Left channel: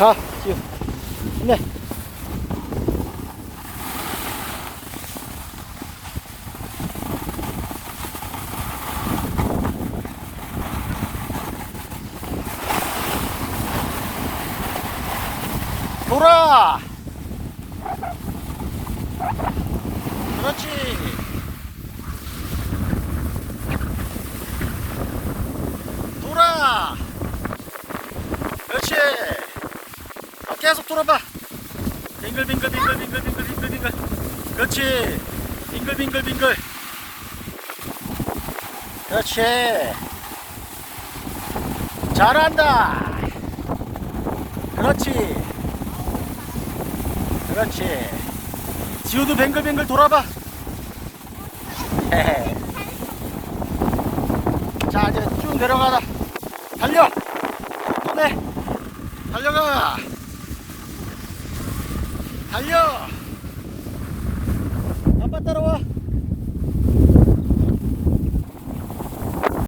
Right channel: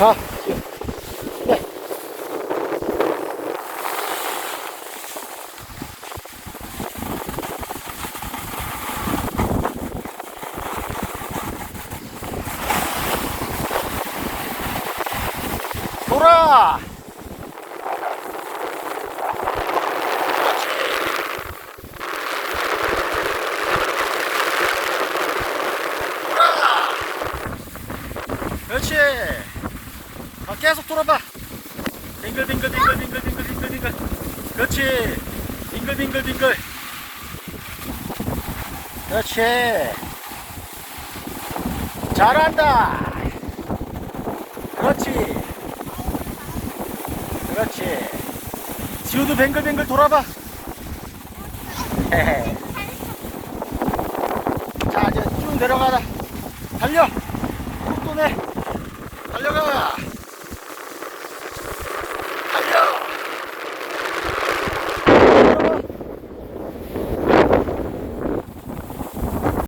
가. 네. 돌아! 그렇지! 돌아! 그렇지! 아, 계속 돌아봐! 빙글빙글 빙글빙글 빙글빙글 빙글 그렇지! 빙글빙글 빙글 그렇지! 잘한다! 그렇지! 그렇지. 지우도 뱅글뱅글 돌아봐. 자, 이제 쭉 내려가라. 달려. 또 내. 달려가. 달려.